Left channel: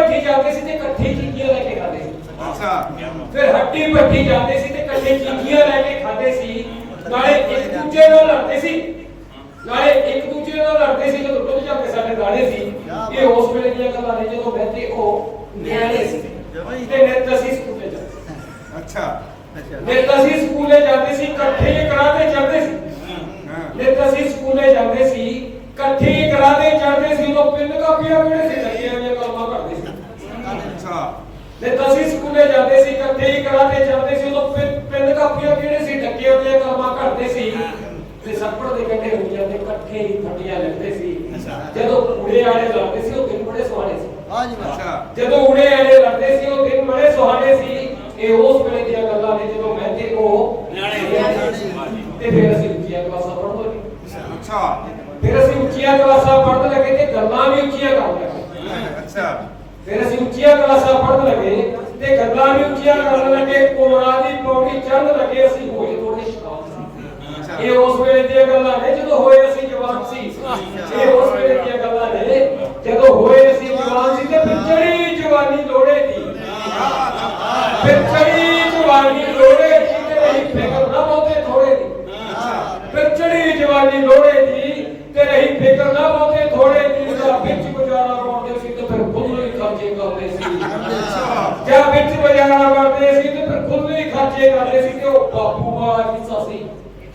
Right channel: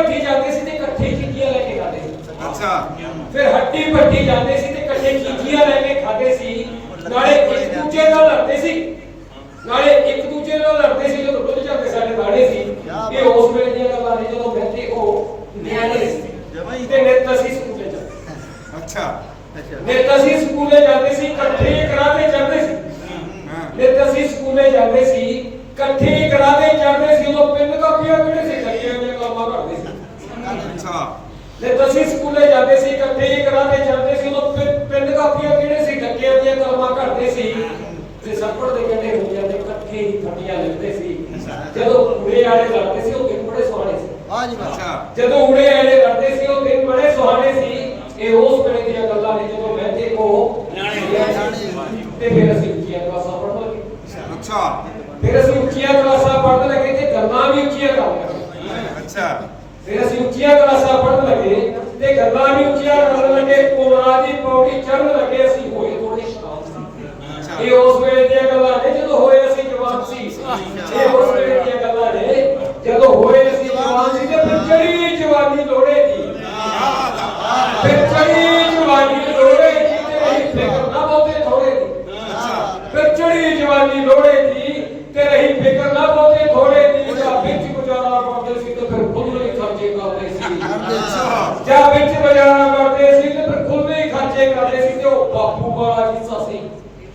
ਭੱਠੀ ਜਾਂਦੇ ਸੀ ਤੇ ਇਕੱਠੇ ਚੀਜ਼ੀਆਂ ਲੈ ਕੇ ਖਾਂਦੇ ਸੀ। ਅੱਛਾ। ਫਿਰ ਹੱਡੀ ਭੱਠੀ ਜਾਂਦੇ ਸੀ ਤੇ ਇਕੱਠੇ ਚੀਜ਼ੀਆਂ ਲੈ ਕੇ ਖਾਂਦੇ ਸੀ। ਨਾਲੇ ਇੱਕ ਦੂਜੇ ਨਾਲ ਲੜਦੇ ਸੀ। ਨਾਲੇ ਇੱਕ ਦੂਜੇ ਨਾਲ ਲੜਦੇ ਸੀ ਜਦੋਂ ਟੁੱਟ ਜਾਂਦੇ ਸਾਡੇ ਦਾੜੇ ਸੀ। ਇਹ ਉਸ ਵੇਲੇ ਦੀਆਂ ਗੱਲਾਂ ਨੇ ਜਦੋਂ ਮੈਂ ਤੇ ਉਹ ਨਿਆਣੇ ਸੀ। ਤੇ ਨਿੱਤ ਅਸੀਂ ਸਕੂਲੇ ਜਾਂਦੇ ਅੱਛਾ। ਨਿੱਤ ਅਸੀਂ ਸਕੂਲੇ ਜਾਂਦੇ ਸੀ ਇਕੱਠੇ ਕਰਾਤੇ ਜਾਂਦੇ ਸੀ। ਨਿੱਤ ਅਸੀਂ ਸਕੂਲੇ ਜਾਂਦੇ ਸੀ ਇਕੱਠੇ ਤੇ ਸੱਪੜ ਦੇ ਕੰਢੇ ਹੁੰਦੀਆਂ ਤੇ ਇਕੱਠੇ ਹੀ ਫੱਟੀਆਂ ਲੈਂਦੇ ਸੀ। ਜਦੋਂ ਉੜੇ ਵਾਲੇ ਲੜਦੇ ਸੀ ਉਹ ਦਿਨ ਬੜੇ ਸੁਹਾਣੇ ਸੀ। ਅੱਛਾ। ਜਦੋਂ ਉੜੇ ਵਾਲੇ ਲੜਦੇ ਸੀ ਉਹ ਦਿਨ ਬੜੇ ਸੁਹਾਣੇ ਸੀ। ਇਹ ਉਸ ਵੇਲੇ ਦੀਆਂ ਗੱਲਾਂ ਨੇ ਜਦੋਂ ਮੈਂ ਤੇ ਉਹ ਤੇ ਫਿਰ ਅਸੀਂ ਉੱਚੀਆਂ ਕਲਾਸਾਂ ਪੜ੍ਹਨ ਲੱਗੇ। ਅੱਛਾ। ਫਿਰ ਅਸੀਂ ਉੱਚੀਆਂ ਕਲਾਸਾਂ ਪੜ੍ਹਨ ਲੱਗੇ ਤੇ ਗੱਲਾਂ ਵੀ ਉੱਚੀਆਂ ਕਰਨ ਲੱਗੇ। ਅੱਛਾ। ਫਿਰ ਅਸੀਂ ਉੱਚੀਆਂ ਕਲਾਸਾਂ ਪੜ੍ਹਨ ਲੱਗੇ ਤੇ ਗੱਲਾਂ ਵੀ ਉੱਚੀਆਂ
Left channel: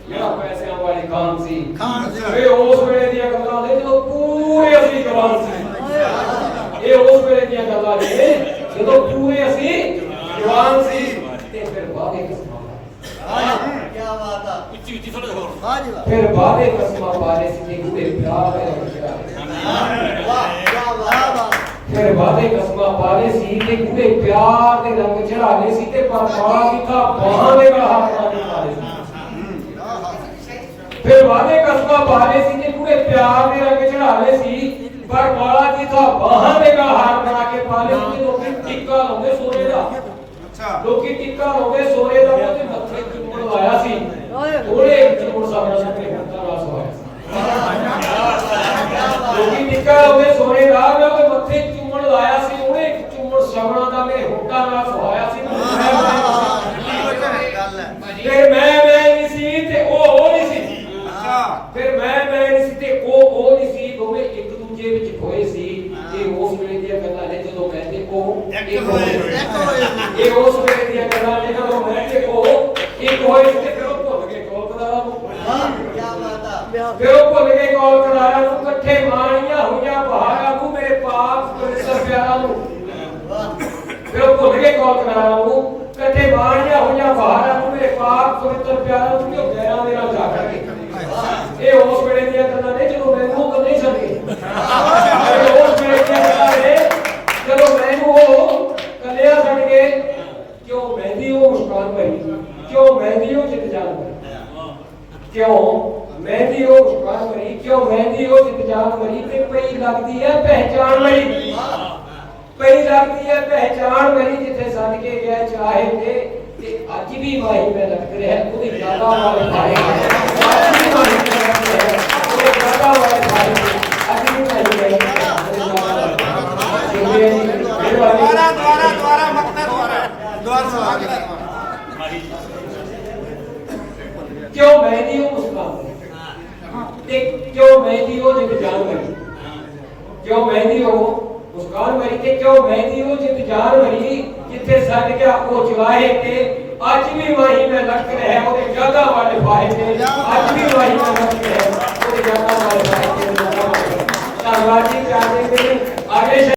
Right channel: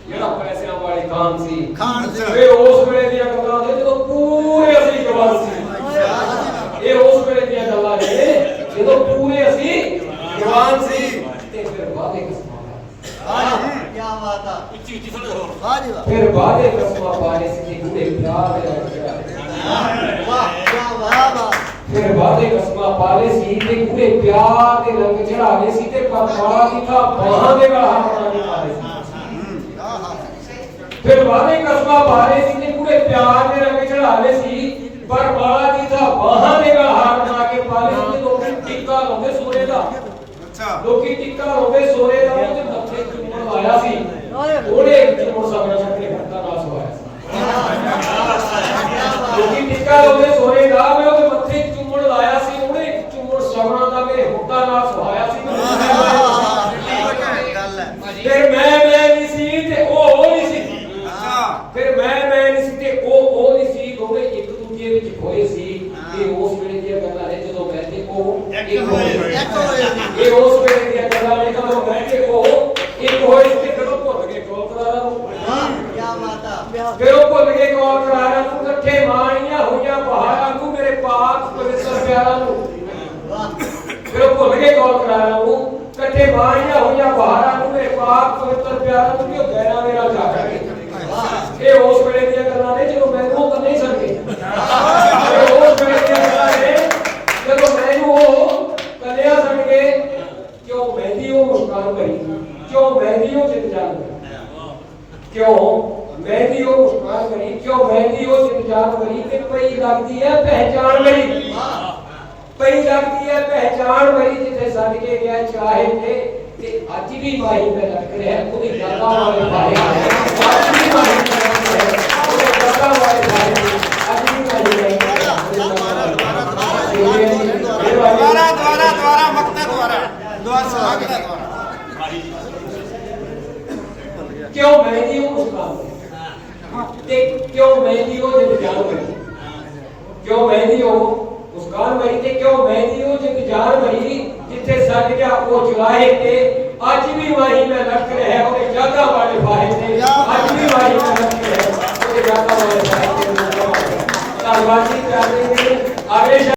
ਜਿਹੜਾ ਪੈਸਿਆਂ ਵਾਲੀ ਖਾਨ ਸੀ। ਖਾਨ ਸੀ। ਇਹ ਉਸ ਵੇਲੇ ਦੀਆਂ ਗੱਲਾਂ ਨੇ ਜਦੋਂ ਪੂਰੇ ਅਸੀਂ ਜਵਾਨ ਸੀ। ਇਹ ਉਸ ਵੇਲੇ ਦੀਆਂ ਗੱਲਾਂ ਨੇ ਜਦੋਂ ਪੂਰੇ ਅਸੀਂ ਜਵਾਨ ਸੀ। ਤੇ ਫਿਰ ਵਾਦੇ ਕਿਸਮਾਂ ਫਿਰ ਵਾਦੇ ਕਿਸਮਾਂ ਬਾਰੇ ਸੀ? ਤੇ ਪਿਆਰ ਦੇ ਲੱਗਿਆ ਫਿਰ ਵਾਦੇ ਕਸਮਾਂ ਪਾਲੇ ਸੀ? ਤੇ ਕੁੜੇ ਪਿਆਰ ਦੇ ਰੰਗ ਚੜਾਵੇ ਸੀ ਤੇ ਪਰਵਾਹ ਕੀਤਾ। ਬਾਹਾਂ ਦੇ ਬਾਹਰ ਫਿਰ ਵਾਦੇ ਕਸਮਾਂ ਪਾਲੇ ਸੀ ਤੇ ਕੁੜੇ ਪਿਆਰ ਦੇ ਰੰਗ ਚੜਾਵੇ ਸੀ ਪਰ ਬਾਲਾ ਜੀ ਦਾ ਬਾਹਾਂ ਦੇ ਹਾਰ ਬਣਾ ਕੇ ਪਾਲੇ ਸੀ ਲੋਕੀ ਟਿੱਕਾ ਲਾਉਂਦੇ ਸੋਨੇ ਦਾ ਅੱਛਾ ਲੋਕੀ ਟਿੱਕਾ ਲਾਉਂਦੇ ਸੋਨੇ ਦਾ ਉਹਦੇ ਮੱਥੇ ਚੁੰਮਣ ਲਾਇਆ ਸੀ ਉਹਨੇ ਚੁੰਮਣ ਸਾਹਮਣੇ ਆਪਣੇ ਹੱਥਾਂ ਨਾਲ ਸਵਾਇਆ ਸੀ ਲੋਕੀ ਟਿੱਕਾ ਲਾਉਂਦੇ ਸੋਨੇ ਦਾ ਮੈਂ ਉਹਦੇ ਮੱਥੇ ਚੁੰਮਣ ਲਾਇਆ ਸੀ ਉਹਨੇ ਇੱਕ ਚੁੰਮਣ ਸਗਣਾ ਦਾ ਮੇਰੇ ਹੁੱਟਾਂ ਨਾਲ ਸਵਾਇਆ ਸੀ ਫਿਰ ਮੈਂ ਮੈਂ ਨਹੀਂ ਸੀ ਤੇ ਉਹ ਉਹ ਨਹੀਂ ਸੀ ਅੱਛਾ ਫਿਰ ਮੈਂ ਮੈਂ ਨਹੀਂ ਸੀ ਤੇ ਉਹ ਉਹ ਨਹੀਂ ਸੀ ਦੋਵੇਂ ਦੂਜੇ ਵਿੱਚ ਹੋਏ ਸੀ ਇਹ ਉਸ ਵੇਲੇ ਦੀਆਂ ਗੱਲਾਂ ਨੇ ਜਦੋਂ ਤੇ ਉਹ ਇੱਕ ਹੋਏ। ਇਹ ਉਸ ਵੇਲੇ ਦੀਆਂ ਗੱਲਾਂ ਨੇ ਜਦੋਂ ਮੈਂ ਤੇ ਉਹ ਇੱਕ ਹੋਏ ਤੇ ਫਿਰ ਉਹ ਭੁੱਲ ਗਏ ਕੋਲ ਕਰਾਰਾ ਨੂੰ। ਫਿਰ ਉਹ ਭੁੱਲ ਗਏ ਕੋਲ ਕਰਾਰਾ ਨੂੰ ਇਕੱਠੇ ਮਾਣੀਆਂ ਹੋਈਆਂ ਬਹਾਰਾਂ ਨੂੰ ਮੇਰੇ ਪਾਕ ਪਵਿੱਤਰ ਪਿਆਰਾਂ ਨੂੰ। ਫਿਰ ਉਹ ਭੁੱਲ ਗਏ ਕੋਲ ਕਰਾਰਾ ਨੂੰ ਇਕੱਠੇ ਮਾਣੀਆਂ ਹੋਈਆਂ ਬਹਾਰਾਂ ਨੂੰ ਮੇਰੇ ਪਾਕ ਪਵਿੱਤਰ ਪਿਆਰਾਂ ਨੂੰ ਕਿਉਂ ਗਹਿਰਾ ਮੇਰਾ ਜਾਗਰ ਇਹ ਉਸ ਵੇਲੇ ਦੀਆਂ ਗੱਲਾਂ ਨੇ ਜਦੋਂ ਮੈਨੂੰ ਉਹ ਨਹੀਂ ਸਕੇ ਇਹ ਉਸ ਵੇਲੇ ਦੀਆਂ ਗੱਲਾਂ ਨੇ ਜਦੋਂ ਮੈਨੂੰ ਉਹ ਕੱਲਿਆ ਛੱਡ ਗਏ ਕਿਉਂ ਮਹਿੰਦੀ ਉਹ ਮੁਸਕਾਨ ਭਰੀ ਕਿਉਂ ਮਹਿੰਦੀ ਉਹ ਜਿੱਤ ਜਾਨ ਭਰੀ ਕਿਉਂ ਮਹਿੰਦੀ ਉਹ ਮੁਸਕਾਨ ਭਰੀ ਕਿਉਂ ਮਹਿੰਦੀ ਉਹ ਜਿੱਤ ਜਾਨ ਭਰੀ ਤੇ ਪਈ ਲੱਗਦੀ ਹੈ ਪਹਿਚਾਨ ਮੇਰੀ ਪਈ ਲੱਗਦੀ ਹੈ ਪਹਿਚਾਨ ਮੇਰੀ ਜਿੱਥੇ ਛੱਡ ਕੇ ਗਿਆ ਚਾਹੇ ਤੇ ਤੇ ਅੱਜ ਵੀ ਮਾਈ ਮੈਂ ਲਟਕ ਰਿਹਾ ਉਹਦੀ ਯਾਦਾਂ ਵਾਲੇ ਭਾਰੇ ਅੱਜ ਵੀ ਮਾਈ ਮੈਂ ਲਟਕ ਰਿਹਾ ਉਹਦੇ ਯਾਦਾਂ ਵਾਲੇ ਭਾਰੇ ਅੱਜ क्यों मेहंदी हो मुस्कान क्यों मेहंदी हो जब जान मरी क्यों मेहंदी हो मुस्कान मरी ते क्यों मेहंदी हो जब जान मरी जिथे साडिया ओ जवाहे ते आज भी वही में लख रहे हो जगह वाले फाहे ते